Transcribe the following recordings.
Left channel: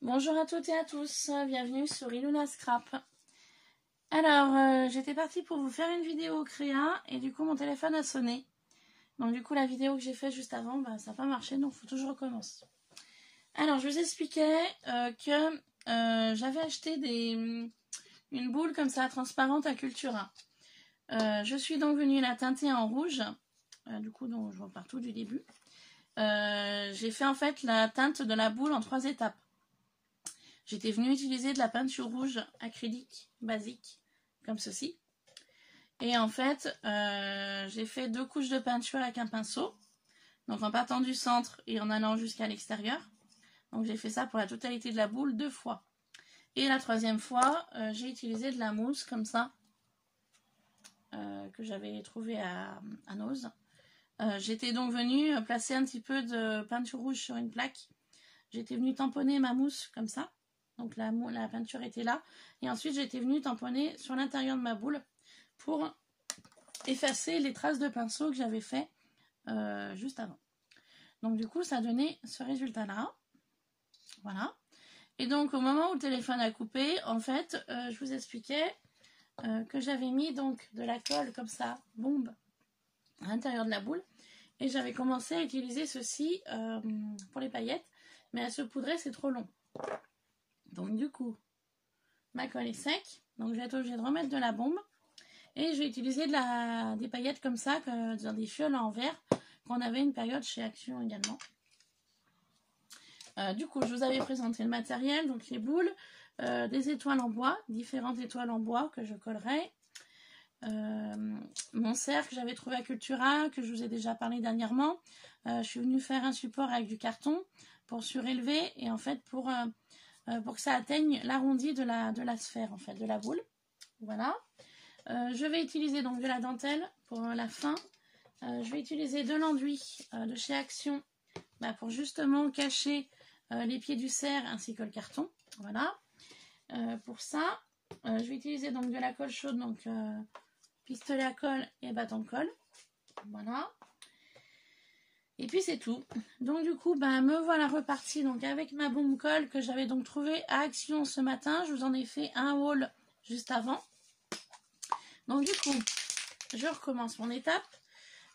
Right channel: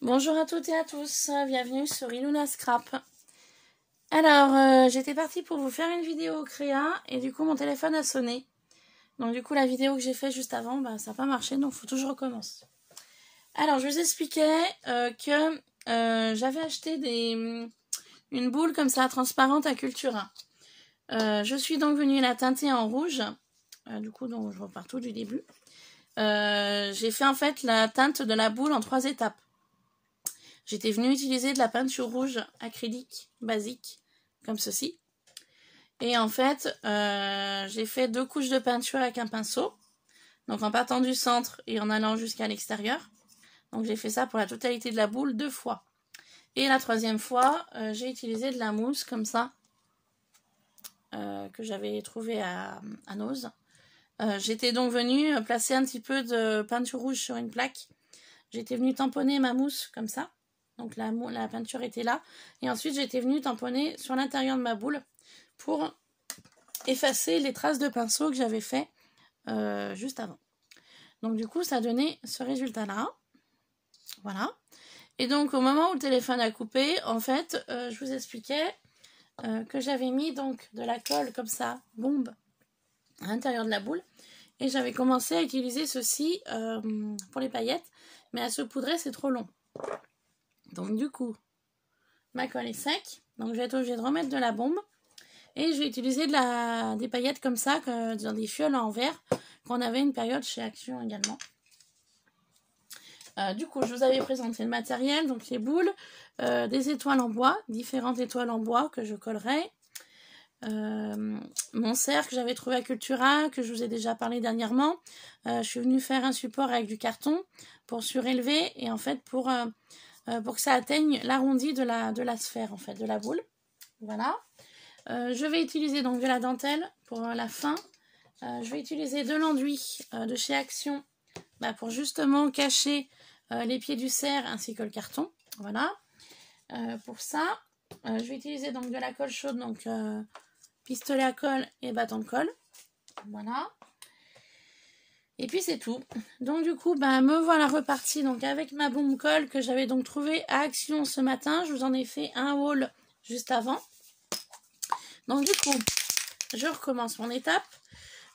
Bonjour à toutes et à tous, bienvenue sur Iluna Scrap. Alors, j'étais partie pour vous faire une vidéo créa et du coup mon téléphone a sonné. Donc du coup la vidéo que j'ai faite juste avant, ça n'a pas marché, donc il faut que je recommence. Alors, je vous expliquais que j'avais acheté une boule comme ça transparente à Cultura. Je suis donc venue la teinter en rouge, du coup donc je repars tout du début. J'ai fait en fait la teinte de la boule en 3 étapes. J'étais venue utiliser de la peinture rouge acrylique basique, comme ceci. Et en fait, j'ai fait 2 couches de peinture avec un pinceau. Donc en partant du centre et en allant jusqu'à l'extérieur. Donc j'ai fait ça pour la totalité de la boule 2 fois. Et la 3e fois, j'ai utilisé de la mousse comme ça, que j'avais trouvé à Nose. J'étais donc venue placer un petit peu de peinture rouge sur une plaque. J'étais venue tamponner ma mousse comme ça. Donc la peinture était là. Et ensuite, j'étais venue tamponner sur l'intérieur de ma boule pour effacer les traces de pinceau que j'avais fait juste avant. Donc du coup, ça donnait ce résultat-là. Voilà. Et donc, au moment où le téléphone a coupé, en fait, je vous expliquais que j'avais mis donc de la colle comme ça, bombe, à l'intérieur de la boule. Et j'avais commencé à utiliser ceci pour les paillettes. Mais à se poudrer, c'est trop long. Donc du coup, ma colle est sec. Donc je vais être obligée de remettre de la bombe. Et je vais utiliser des paillettes comme ça, dans des fioles en verre, qu'on avait une période chez Action également. Du coup, je vous avais présenté le matériel, donc les boules, des étoiles en bois, différentes étoiles en bois que je collerai. Mon cercle que j'avais trouvé à Cultura, que je vous ai déjà parlé dernièrement. Je suis venue faire un support avec du carton pour surélever et en fait pour que ça atteigne l'arrondi de la sphère, en fait, de la boule. Voilà. Je vais utiliser donc de la dentelle pour la fin. Je vais utiliser de l'enduit de chez Action pour justement cacher les pieds du cerf ainsi que le carton. Voilà. Pour ça, je vais utiliser donc de la colle chaude, donc pistolet à colle et bâton de colle. Voilà. Et puis c'est tout. Donc du coup, me voilà repartie donc avec ma bombe colle que j'avais donc trouvée à Action ce matin. Je vous en ai fait un haul juste avant. Donc du coup, je recommence mon étape.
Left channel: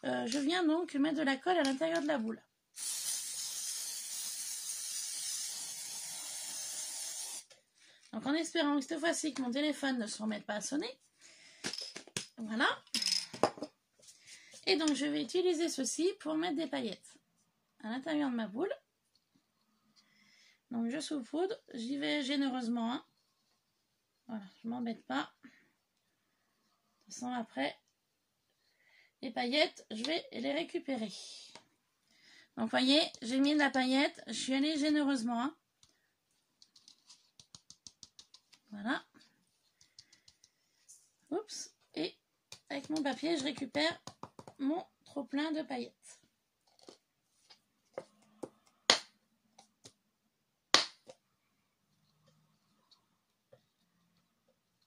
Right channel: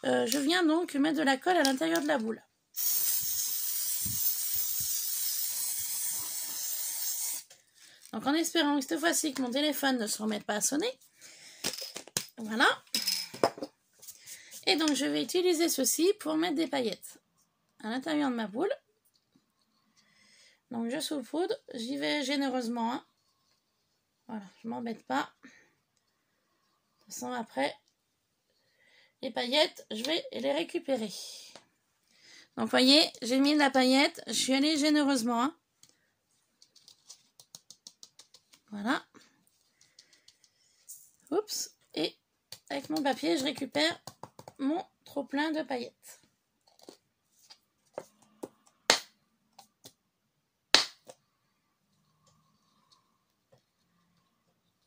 Je viens donc mettre de la colle à l'intérieur de la boule. Donc en espérant que cette fois-ci que mon téléphone ne se remette pas à sonner. Voilà. Et donc je vais utiliser ceci pour mettre des paillettes à l'intérieur de ma boule. Donc je saupoudre, j'y vais généreusement. Hein. Voilà, je ne m'embête pas. De toute façon après, les paillettes, je vais les récupérer. Donc vous voyez, j'ai mis de la paillette, je suis allée généreusement. Hein. Voilà. Oups. Et avec mon papier, je récupère mon trop plein de paillettes.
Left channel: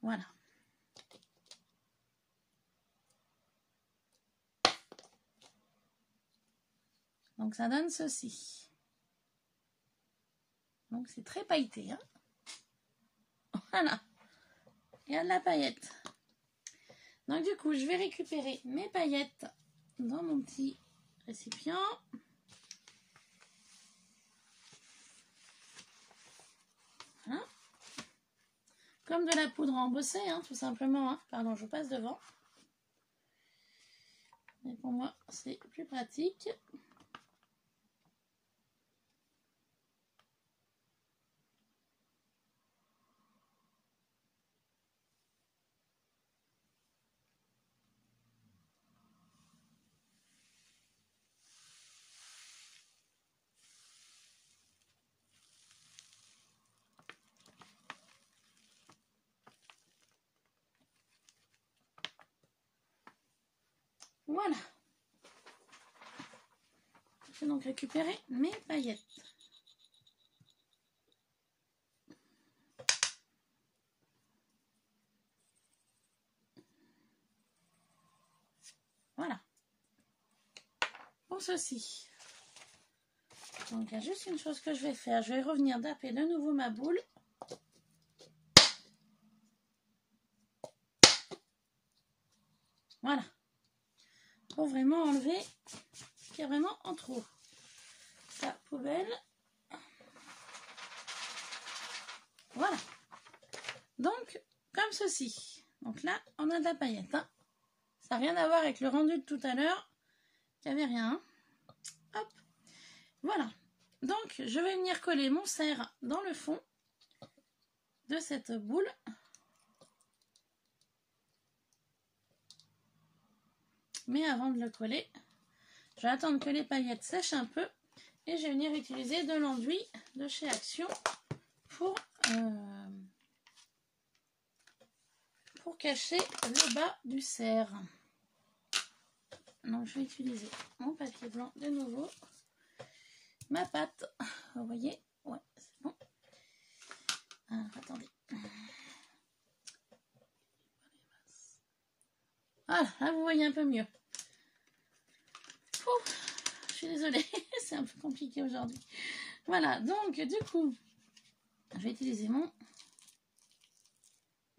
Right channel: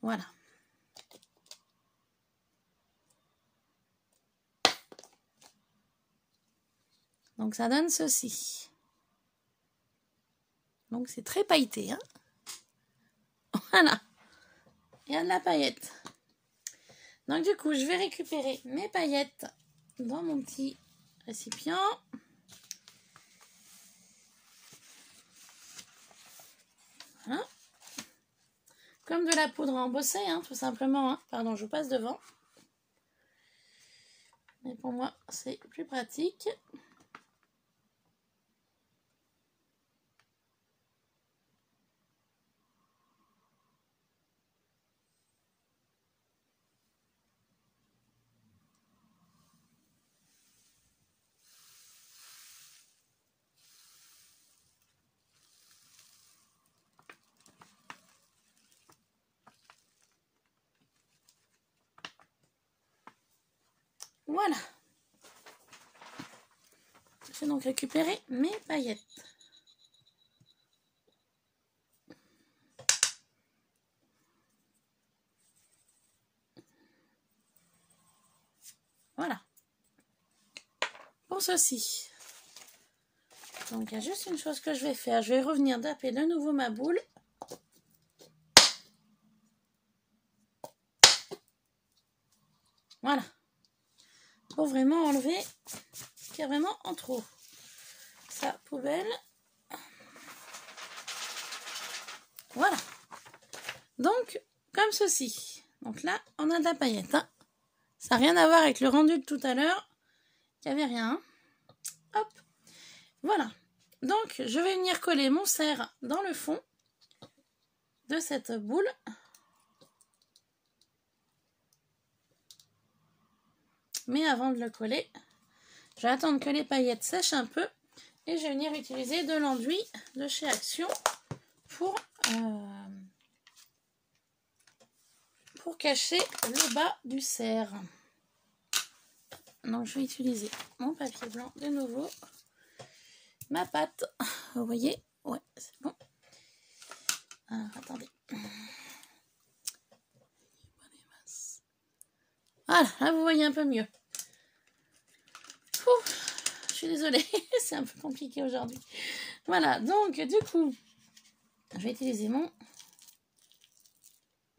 Voilà. Donc ça donne ceci. Donc c'est très pailleté. Hein. Voilà. Il y a de la paillette. Donc du coup, je vais récupérer mes paillettes dans mon petit récipient. Voilà. Comme de la poudre embossée, hein, tout simplement. Hein. Pardon, je vous passe devant. Mais pour moi, c'est plus pratique. Voilà. Je vais donc récupérer mes paillettes. Voilà. Pour ceci. Donc, il y a juste une chose que je vais faire. Je vais revenir taper de nouveau ma boule. Voilà. Pour vraiment enlever ce qui est vraiment en trop. Ça, poubelle. Voilà. Donc, comme ceci. Donc là, on a de la paillette. Hein. Ça n'a rien à voir avec le rendu de tout à l'heure. Il n'y avait rien. Hein. Hop. Voilà. Donc, je vais venir coller mon cerf dans le fond de cette boule. Mais avant de le coller, je vais attendre que les paillettes sèchent un peu et je vais venir utiliser de l'enduit de chez Action pour cacher le bas du cerf. Donc je vais utiliser mon papier blanc de nouveau, ma pâte, vous voyez, ouais c'est bon. Alors attendez. Voilà, là vous voyez un peu mieux. Je suis désolée, c'est un peu compliqué aujourd'hui. Voilà, donc du coup, je vais utiliser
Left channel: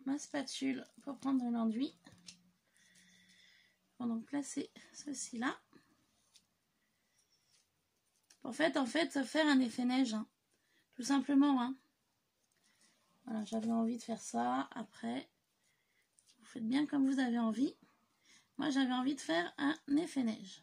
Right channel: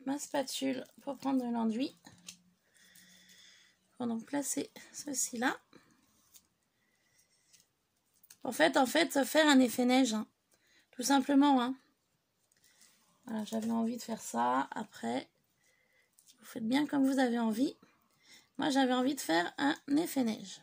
ma spatule pour prendre de l'enduit. Pour donc placer ceci là. En fait, faire un effet neige, hein. Tout simplement. Hein. Voilà, j'avais envie de faire ça. Après, vous faites bien comme vous avez envie. Moi, j'avais envie de faire un effet neige.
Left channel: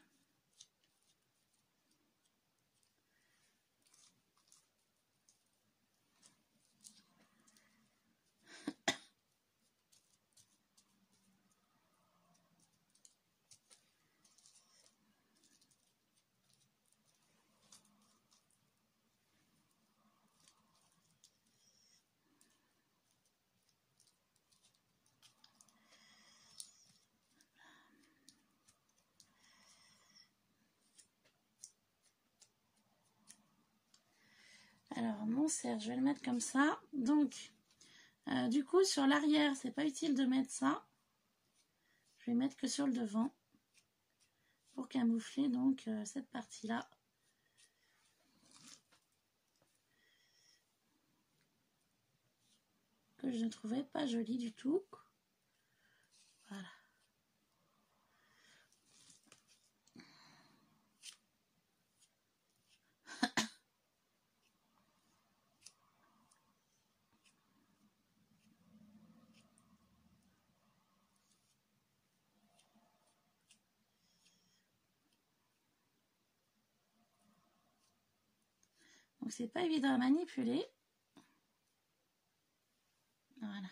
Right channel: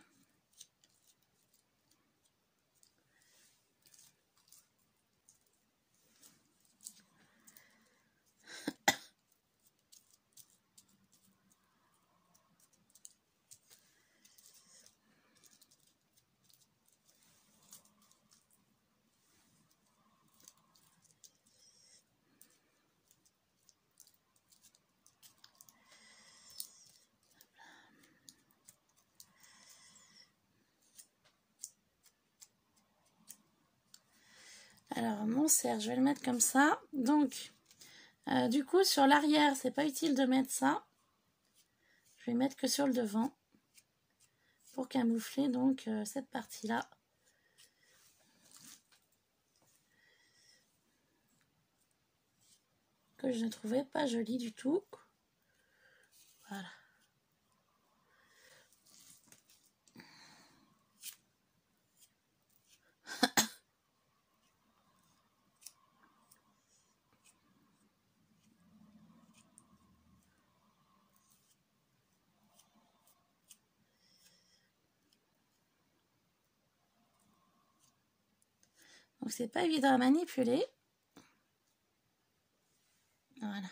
Alors, mon cerf, je vais le mettre comme ça. Donc, du coup, sur l'arrière, c'est pas utile de mettre ça. Je vais mettre que sur le devant. Pour camoufler, donc, cette partie-là. Que je ne trouvais pas jolie du tout. Voilà. Donc c'est pas évident à manipuler. Voilà.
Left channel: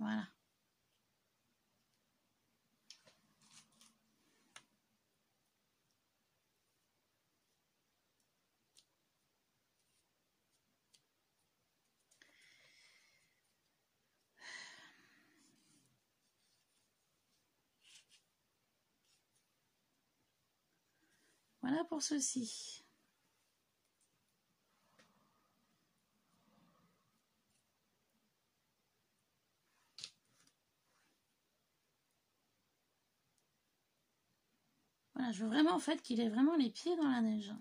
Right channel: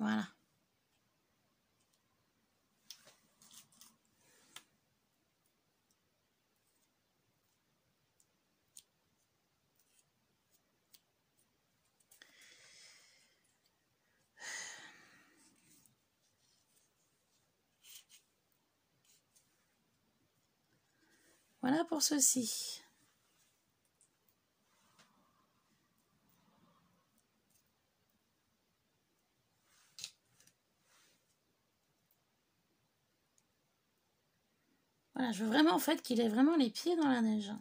Voilà. Voilà pour ceci. Voilà, je veux vraiment en fait qu'il ait vraiment les pieds dans la neige.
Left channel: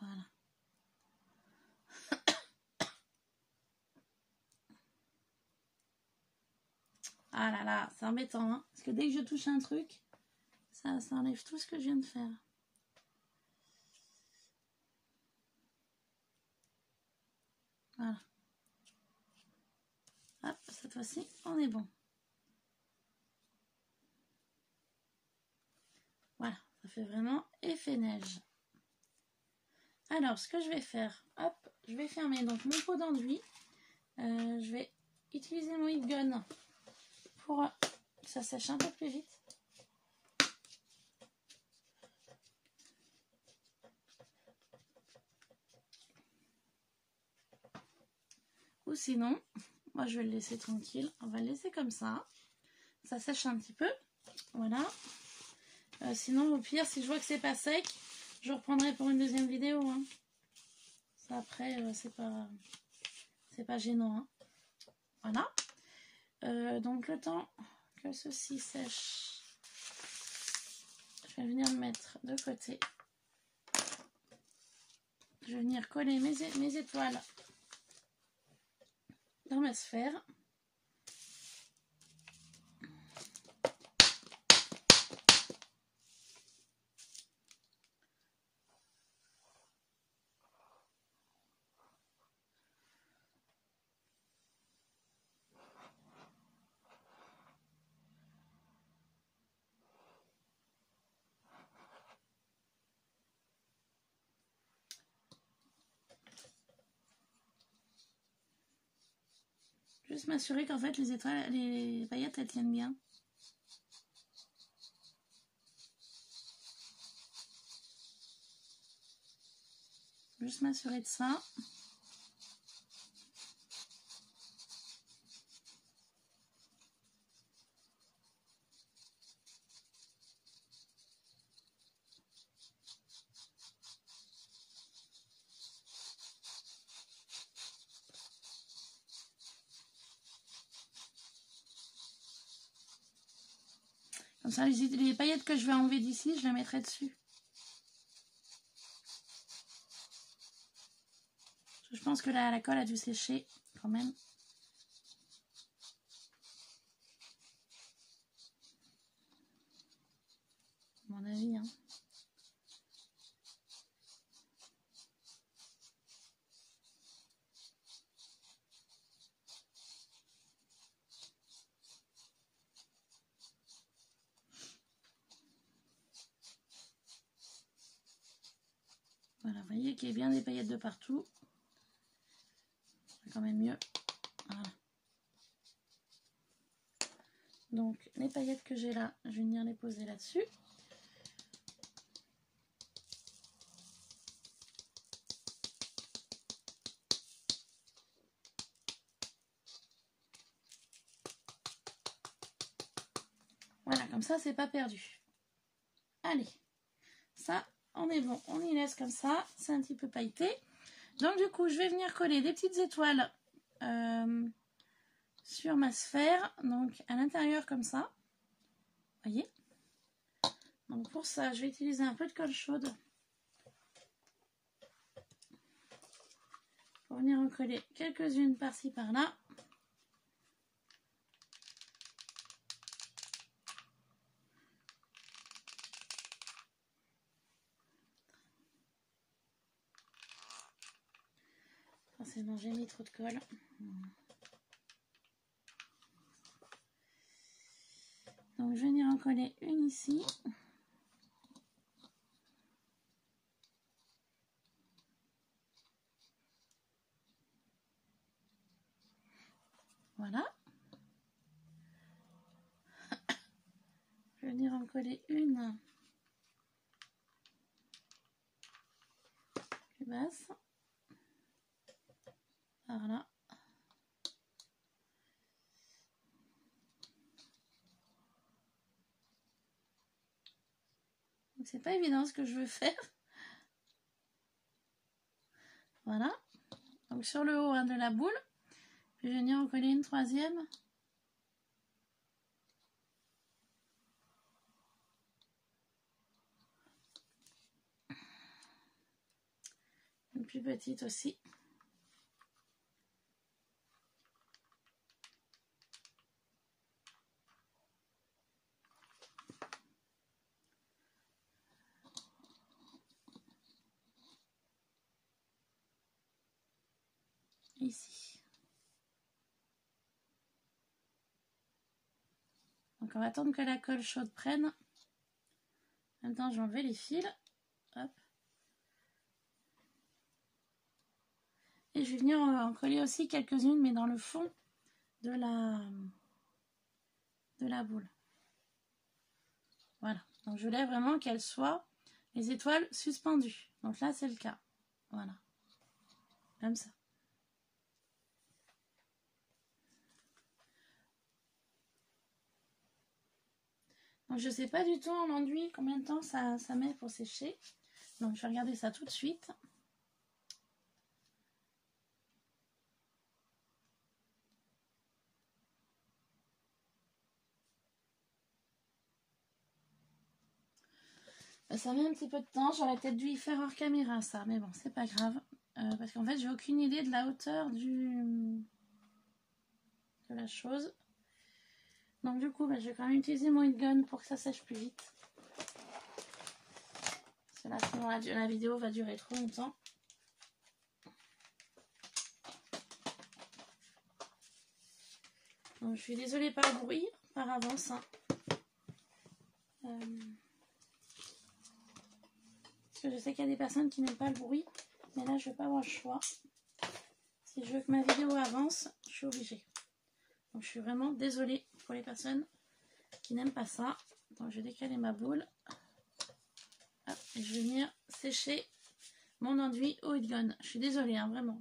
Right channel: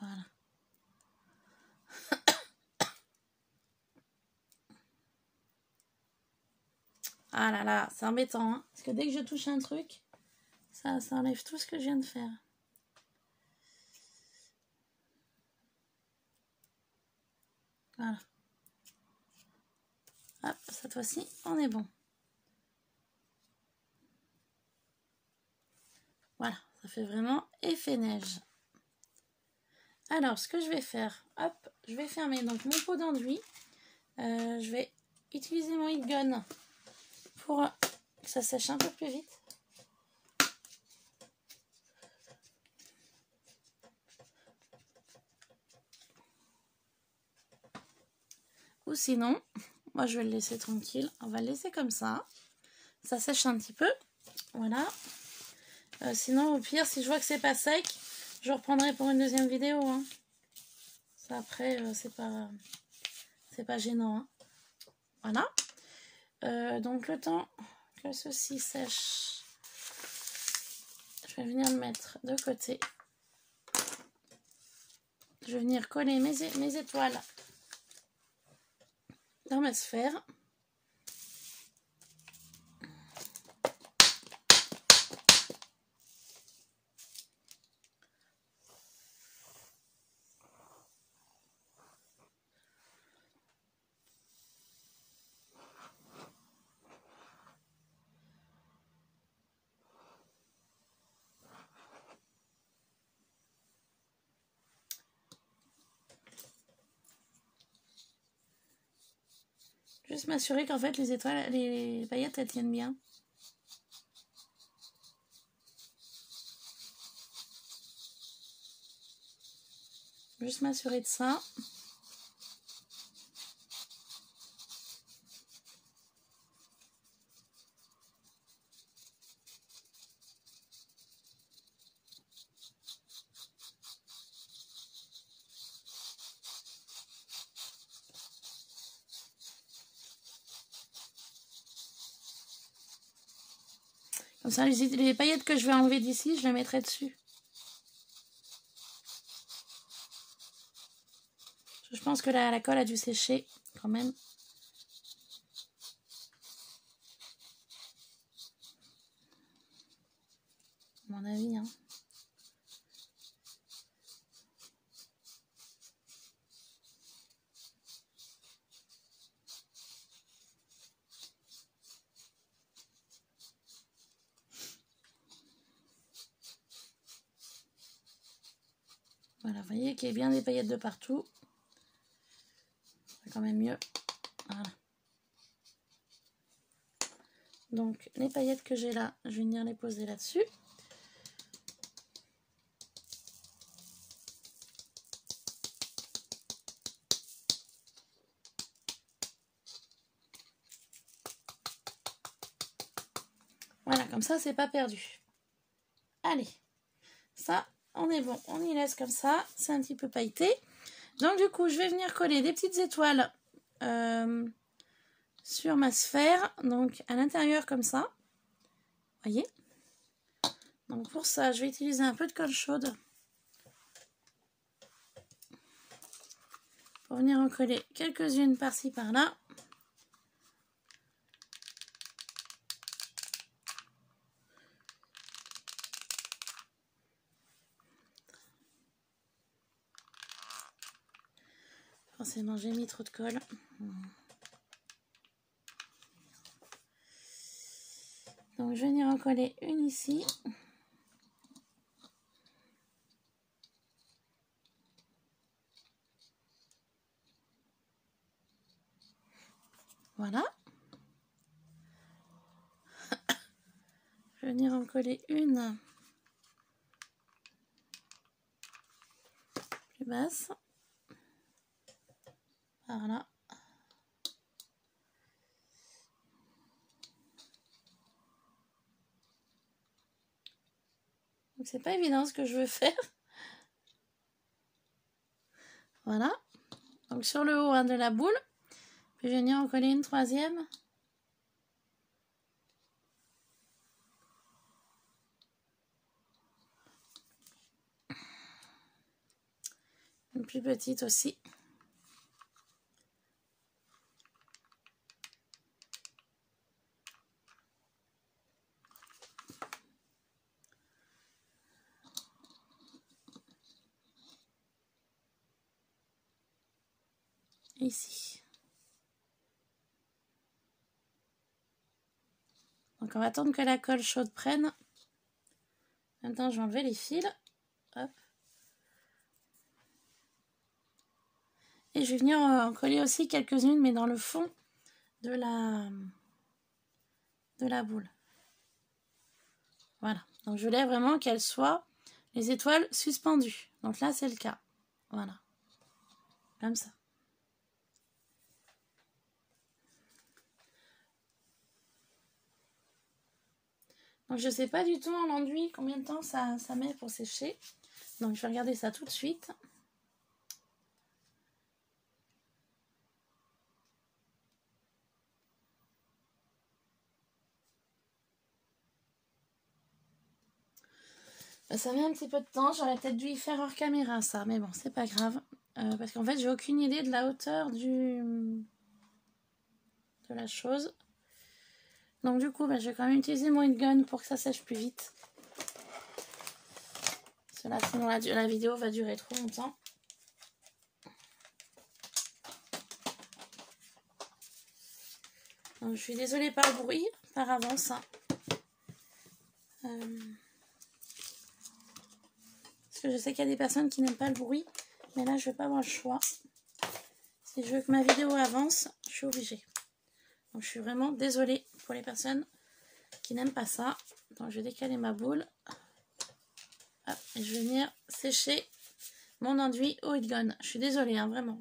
Voilà. Ah là là, c'est embêtant, hein, parce que dès que je touche un truc, ça enlève tout ce que je viens de faire. Voilà. cette fois-ci, on est bon. Voilà, ça fait vraiment effet neige. Alors, ce que je vais faire, hop, je vais fermer donc mon pot d'enduit. Je vais utiliser mon heat gun pour que ça sèche un peu plus vite. Ou sinon, moi je vais le laisser tranquille. On va le laisser comme ça. Ça sèche un petit peu. Voilà. Sinon, au pire, si je vois que c'est pas sec, je reprendrai pour une deuxième vidéo. Hein. Ça, après, c'est pas gênant. Hein. Voilà. Donc, le temps que ceci sèche, je vais venir le mettre de côté. Je vais venir coller mes étoiles dans ma sphère. Juste m'assurer qu'en fait les étoiles, les paillettes, elles tiennent bien. Juste m'assurer de ça. Comme ça, les paillettes que je vais enlever d'ici, je les mettrai dessus. Je pense que la colle a dû sécher quand même. À mon avis, hein. Voilà, vous voyez qu'il y a bien des paillettes de partout. C'est quand même mieux. Voilà. Donc, les paillettes que j'ai là, je vais venir les poser là-dessus. Voilà, comme ça, c'est pas perdu. Allez, ça, on est bon. On y laisse comme ça. C'est un petit peu pailleté. Donc, du coup, je vais venir coller des petites étoiles sur ma sphère. Donc, à l'intérieur, comme ça. Vous voyez? Donc, pour ça, je vais utiliser un peu de colle chaude. Pour venir en coller quelques-unes par-ci, par-là. Forcément, j'ai mis trop de colle. Donc, je vais venir en coller une ici. Voilà. Je vais venir en coller une plus basse. Par là. Donc c'est pas évident ce que je veux faire. Voilà. Donc sur le haut de la boule. Puis je vais venir en coller une troisième. Une plus petite aussi. Ici. Donc on va attendre que la colle chaude prenne. Maintenant je vais enlever les fils. Hop. Et je vais venir en coller aussi quelques-unes, mais dans le fond de la boule. Voilà. Donc je voulais vraiment qu'elles soient les étoiles suspendues. Donc là c'est le cas. Voilà. Comme ça. Donc je ne sais pas du tout en l'enduit combien de temps ça met pour sécher. Donc je vais regarder ça tout de suite. Ça met un petit peu de temps, j'aurais peut-être dû y faire hors caméra ça, mais bon, c'est pas grave. Parce qu'en fait, j'ai aucune idée de la hauteur de la chose. Donc du coup, je vais quand même utiliser mon heat gun pour que ça sèche plus vite. Parce que là, sinon la vidéo va durer trop longtemps. Donc, je suis désolée par le bruit, par avance. Hein. Parce que je sais qu'il y a des personnes qui n'aiment pas le bruit. Mais là, je ne vais pas avoir le choix. Si je veux que ma vidéo avance, je suis obligée. Donc, je suis vraiment désolée pour les personnes qui n'aiment pas ça. Donc, je vais décaler ma boule. Hop, et je vais venir sécher mon enduit au heat gun. Je suis désolée, hein, vraiment.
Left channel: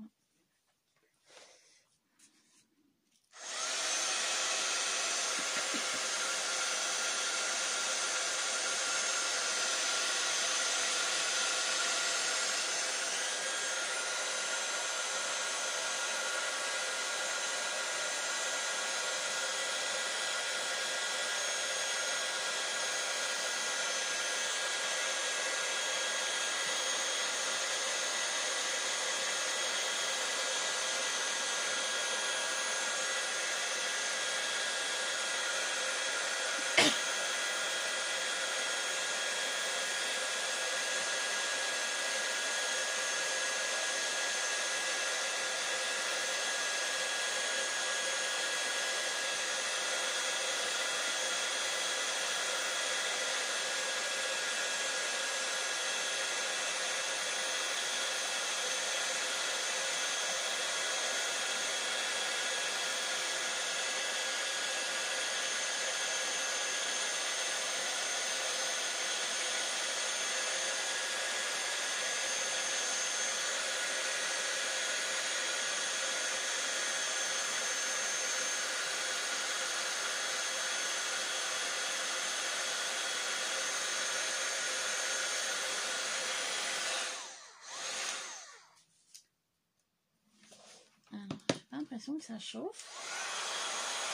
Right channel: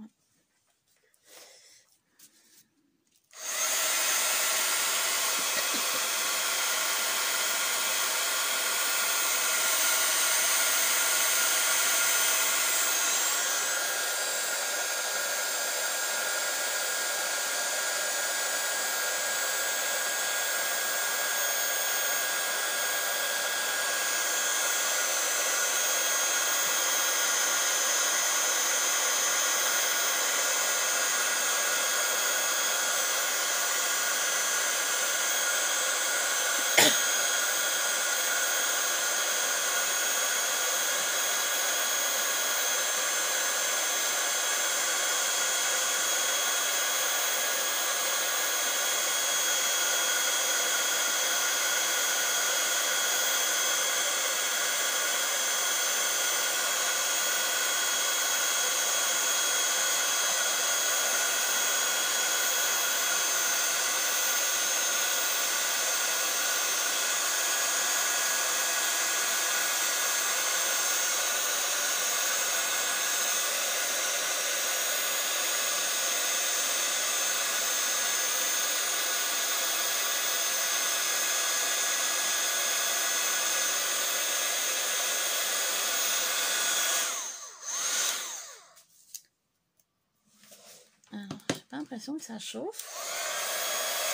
Que ça chauffe.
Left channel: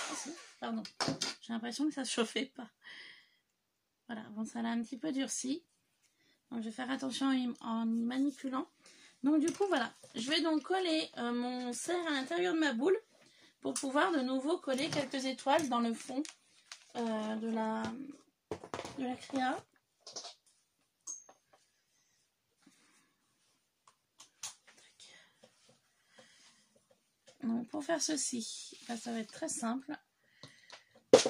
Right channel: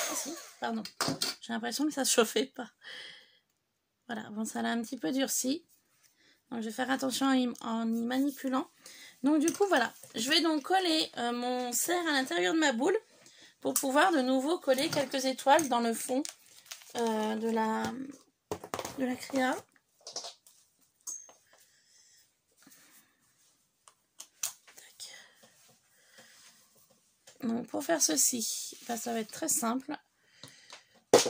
Ah, si, pardon. J'ai l'impression que ça chauffait pas. Voilà, bon, ça l'a un petit peu durci. Donc, je vais faire attention en y manipulant. Donc, du coup, voilà. Je vais donc coller mon cerf à l'intérieur de ma boule pour pouvoir de nouveau coller quelques étoiles dans le fond de la cria. Donc pour faire ceci, ça va être très simple.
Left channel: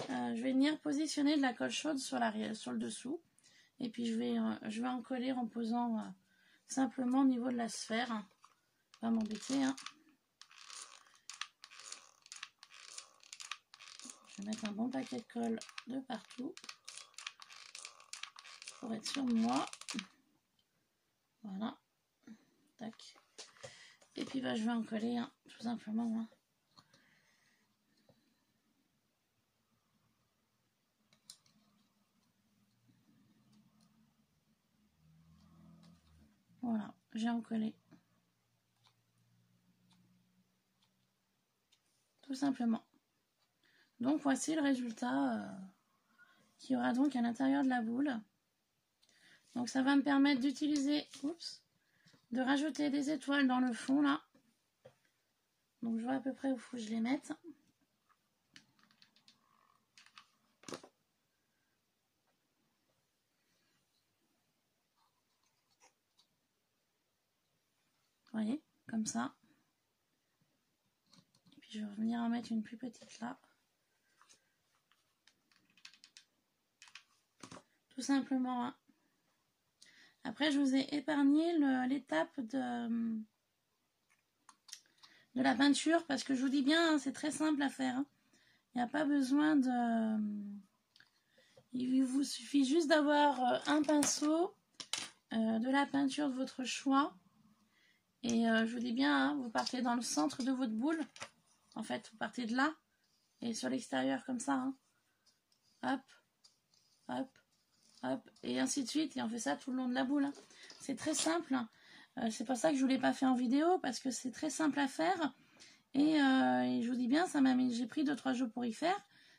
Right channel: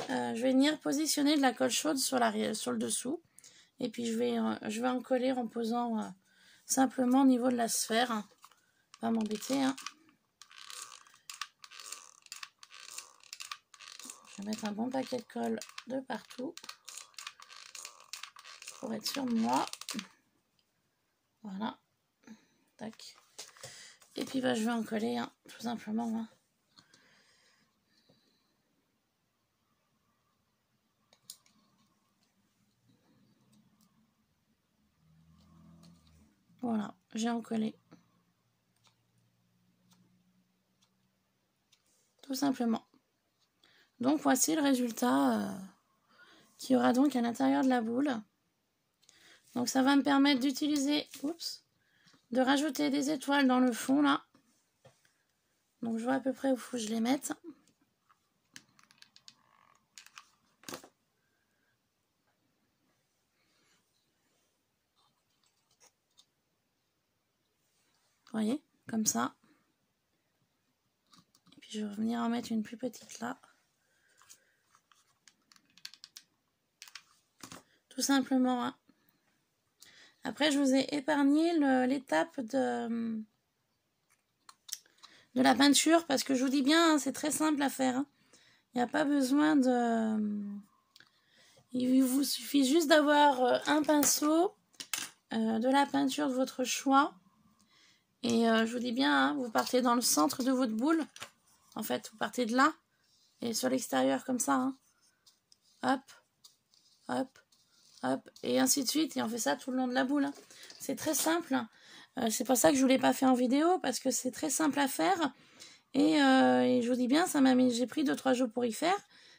Je vais venir positionner de la colle chaude sur le dessous. Et puis je vais en coller en posant simplement au niveau de la sphère. Pas m'embêter. Hein. Je vais mettre un bon paquet de colle de partout. Pour être sûr de moi. Voilà. Tac. Et puis je vais en coller, hein, tout simplement. Hein. Voilà, j'ai en collé. Tout simplement. Donc voici le résultat qui aura donc à l'intérieur de la boule. Donc ça va me permettre d'utiliser, de rajouter des étoiles dans le fond là. Donc je vois à peu près où il faut que je les mette. Vous voyez, comme ça. Et puis je vais venir en mettre une plus petite là. tout simplement. Hein. Après, je vous ai épargné l'étape de la peinture parce que je vous dis bien, hein, c'est très simple à faire. Hein. Il n'y a pas besoin de... Il vous suffit juste d'avoir un pinceau, de la peinture de votre choix. Et je vous dis bien, hein, vous partez dans le centre de votre boule. En fait, vous partez de là. Et sur l'extérieur comme ça. Hein. Hop, hop, hop. Et ainsi de suite. Et on fait ça tout le long de la boule. Hein. C'est très simple. C'est pour ça que je ne vous l'ai pas fait en vidéo. Parce que c'est très simple à faire. Et je vous dis bien, j'ai pris 2-3 jours pour y faire.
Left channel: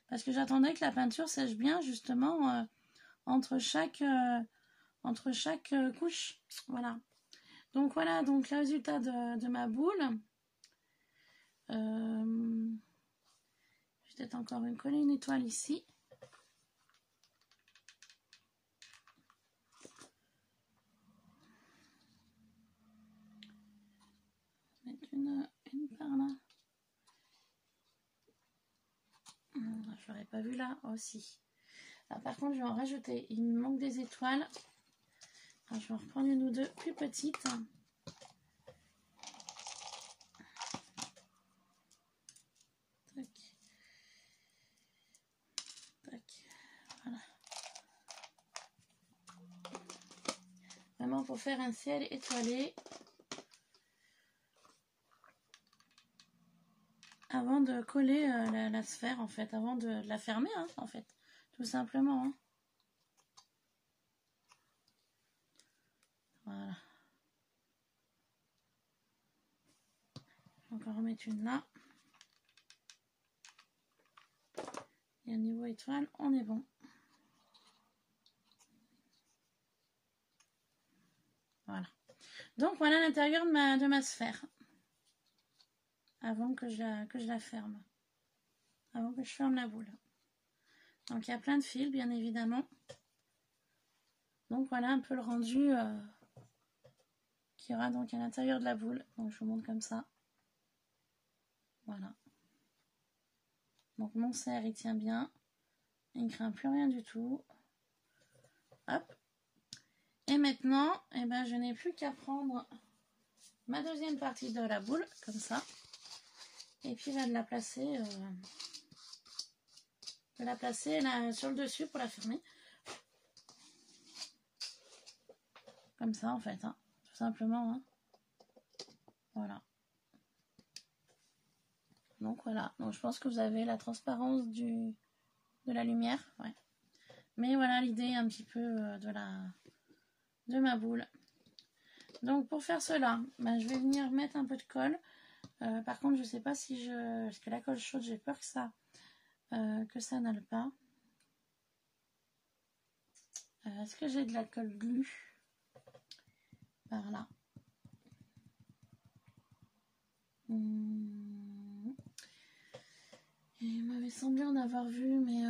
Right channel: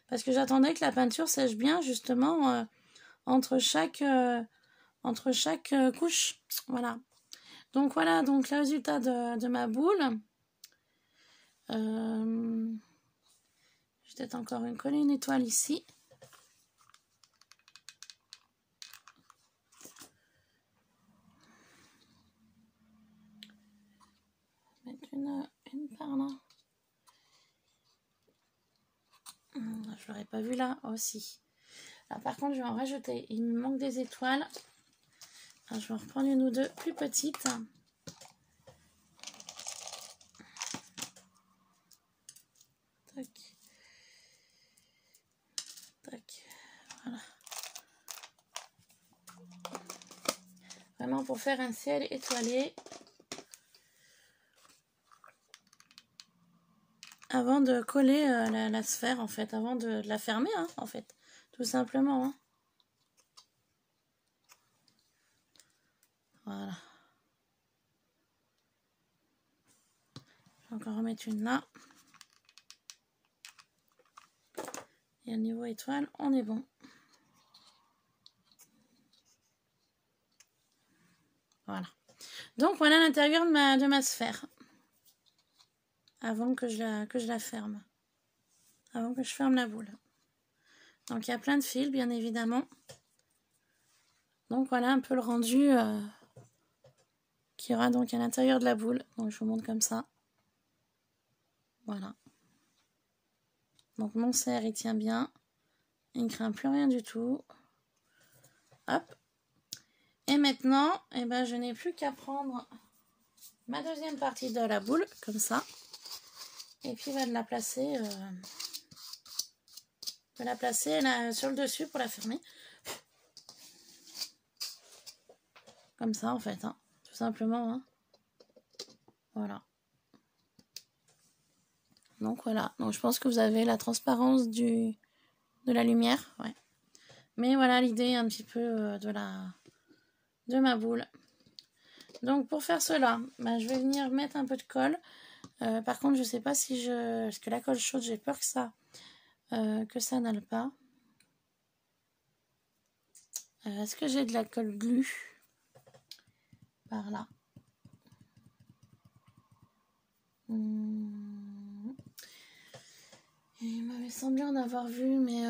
Parce que j'attendais que la peinture sèche bien justement entre chaque couche. Voilà. Donc voilà, donc le résultat de ma boule. Je vais peut-être encore coller une étoile ici. Mettre une par là. Je l'aurais pas vu là aussi. Alors par contre, je vais en rajouter. Il me manque des étoiles. Alors, je vais en reprendre une ou deux plus petites. Tac. Tac. Voilà. Vraiment pour faire un ciel étoilé. Avant de coller la sphère, en fait. Avant de la fermer, hein, en fait. Tout simplement. Hein. Voilà. Je vais encore remettre une là. Et au niveau étoile, on est bon. Voilà. Donc voilà l'intérieur de ma sphère. Avant que je la ferme. Avant que je ferme la boule. Donc il y a plein de fils, bien évidemment. Donc voilà un peu le rendu qu'il y aura donc à l'intérieur de la boule. Donc je vous montre comme ça. Voilà. Donc mon cerf il tient bien. Il ne craint plus rien du tout. Hop. Et maintenant, eh ben, je n'ai plus qu'à prendre ma deuxième partie de la boule, comme ça. Et puis de la placer, là, sur le dessus pour la fermer. Comme ça en fait, hein, tout simplement. Hein. Voilà. Donc voilà. Donc je pense que vous avez la transparence de la lumière. Ouais. Mais voilà l'idée un petit peu de ma boule. Donc pour faire cela, bah, je vais venir mettre un peu de colle. Par contre, je sais pas si parce que la colle chaude, j'ai peur que ça n'aille pas. Est-ce que j'ai de la colle glu par là? Il m'avait semblé en avoir vu, mais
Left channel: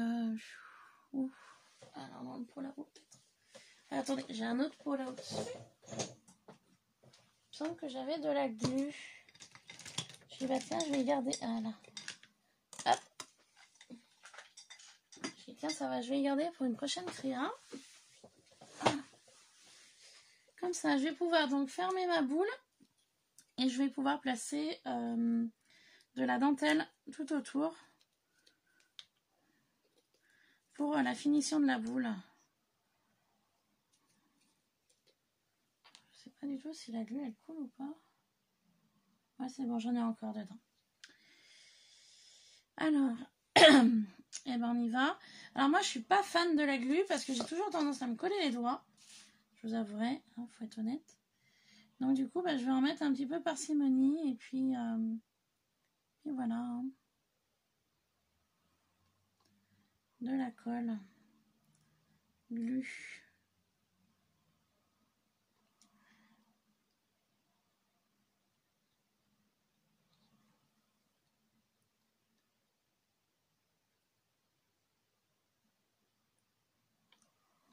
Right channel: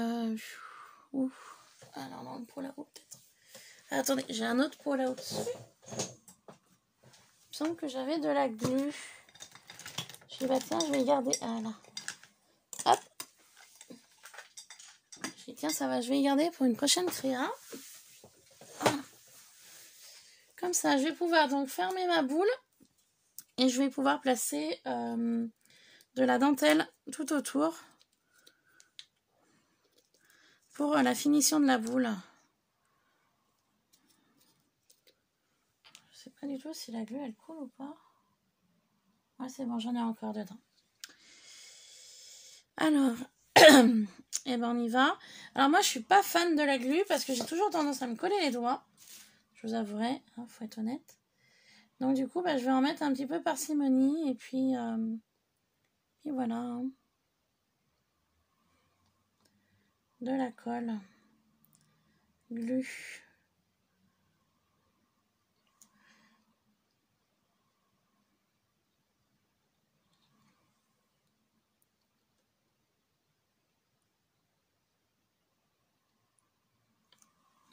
ouf. Alors non, pour là-haut peut-être. Attendez, j'ai un autre pot là au-dessus. Il me semble que j'avais de la glu. Je dis bah tiens, je vais y garder. Voilà. Hop. Je dis tiens, ça va, je vais y garder pour une prochaine créa. Voilà. Comme ça, je vais pouvoir donc fermer ma boule et je vais pouvoir placer de la dentelle tout autour pour la finition de la boule. Je sais pas du tout si la glu elle coule ou pas. Ouais, c'est bon, j'en ai encore dedans. Alors, et ben on y va. Alors moi, je suis pas fan de la glu parce que j'ai toujours tendance à me coller les doigts. Je vous avouerai, hein, faut être honnête. Donc du coup, bah, je vais en mettre un petit peu parcimonie et puis voilà. Hein. De la colle. Glu.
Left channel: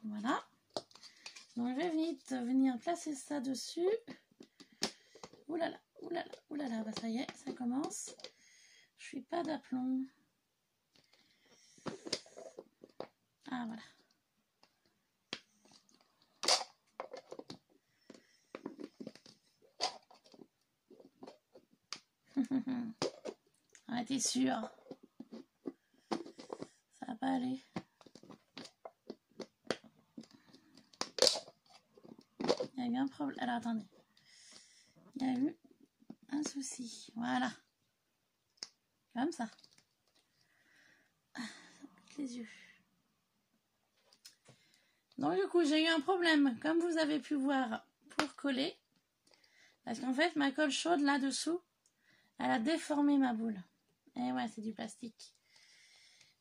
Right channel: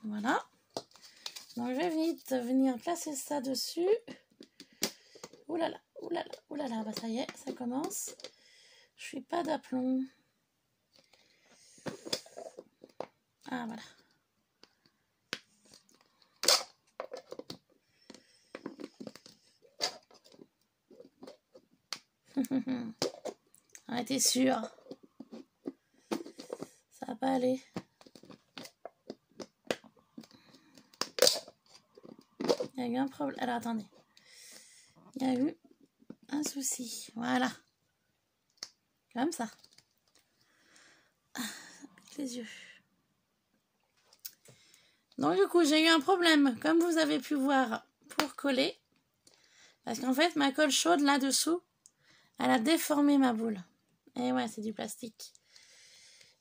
Voilà. Donc je vais vite venir placer ça dessus. Oulala, oulala, oulala, bah ça y est, ça commence. Je suis pas d'aplomb. Ah voilà. On était sûr. Ça va pas aller. Il y a eu un problème. Alors attendez. Il y a eu un souci. Voilà. Comme ça. Avec les yeux. Donc du coup, j'ai eu un problème, comme vous avez pu voir, pour coller. Parce qu'en fait, ma colle chaude là-dessous, elle a déformé ma boule. Et ouais, c'est du plastique.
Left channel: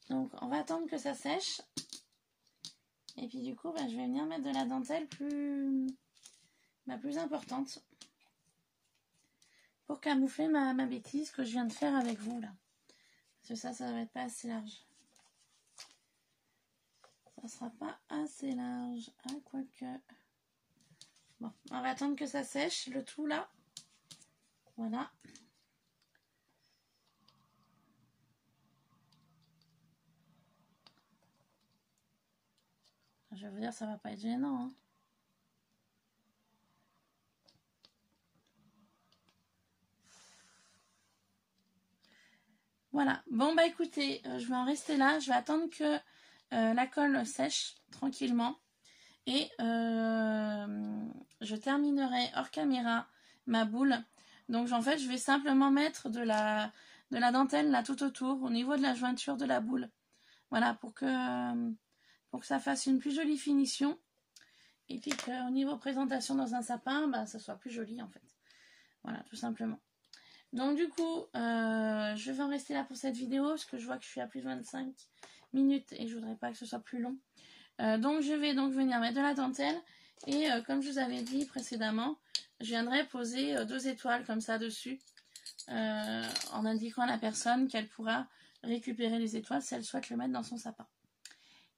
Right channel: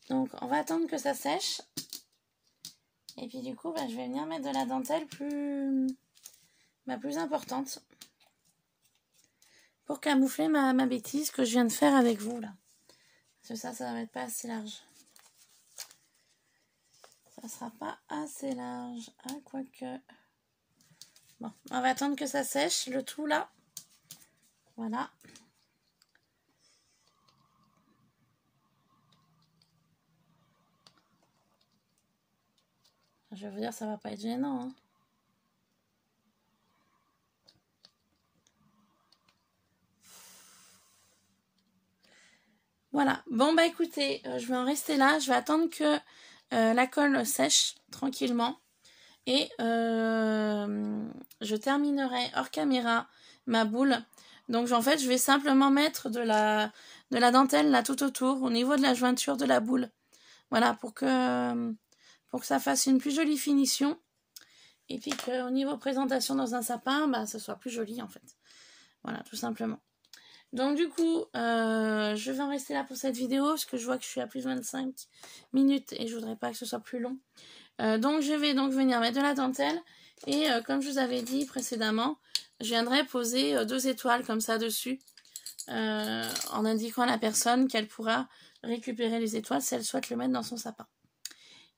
Donc, on va attendre que ça sèche. Et puis du coup, je vais venir mettre de la dentelle plus importante. Pour camoufler ma bêtise que je viens de faire avec vous, là. Parce que ça va être pas assez large. Ça sera pas assez large. Ah, quoique. Bon, on va attendre que ça sèche, le tout là. Voilà. Je vais vous dire, ça va pas être gênant, hein. Voilà. Bon, bah écoutez, je vais en rester là. Je vais attendre que la colle sèche tranquillement. Et je terminerai hors caméra ma boule. Donc en fait, je vais simplement mettre de la dentelle là tout autour, au niveau de la jointure de la boule. Voilà, pour que ça fasse une plus jolie finition. Et puis qu'au niveau présentation dans un sapin, bah, ça soit plus joli en fait. Voilà, tout simplement. Donc du coup, je vais en rester là pour cette vidéo, parce que je vois que je suis à plus de 25 minutes et je voudrais pas que ce soit plus long. Donc je vais donc venir mettre de la dentelle et comme je vous avais dit précédemment, je viendrai poser 2 étoiles comme ça dessus en indiquant à la personne qu'elle pourra récupérer les étoiles si elle souhaite le mettre dans son sapin.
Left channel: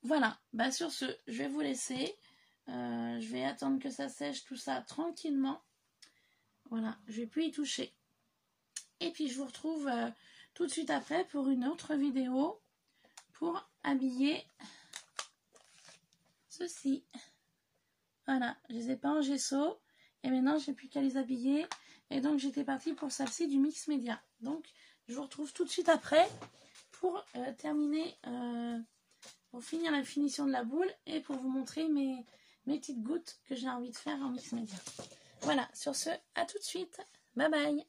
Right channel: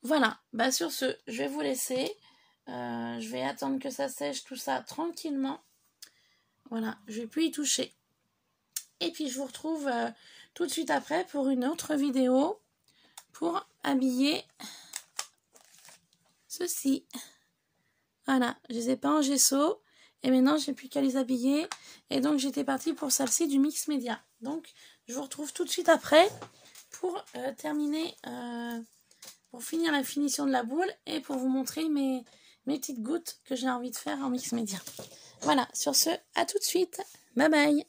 Voilà, bah sur ce, je vais vous laisser. Je vais attendre que ça sèche tout ça tranquillement. Voilà, je vais plus y toucher. Et puis je vous retrouve tout de suite après pour une autre vidéo pour habiller ceci. Voilà, je les ai pas en gesso et maintenant j'ai plus qu'à les habiller. Et donc j'étais partie pour celle-ci du Mix Média. Donc je vous retrouve tout de suite après pour terminer, pour finir la finition de la boule et pour vous montrer mes petites gouttes que j'ai envie de faire en Mix Média. Voilà, sur ce, à tout de suite. Bye bye.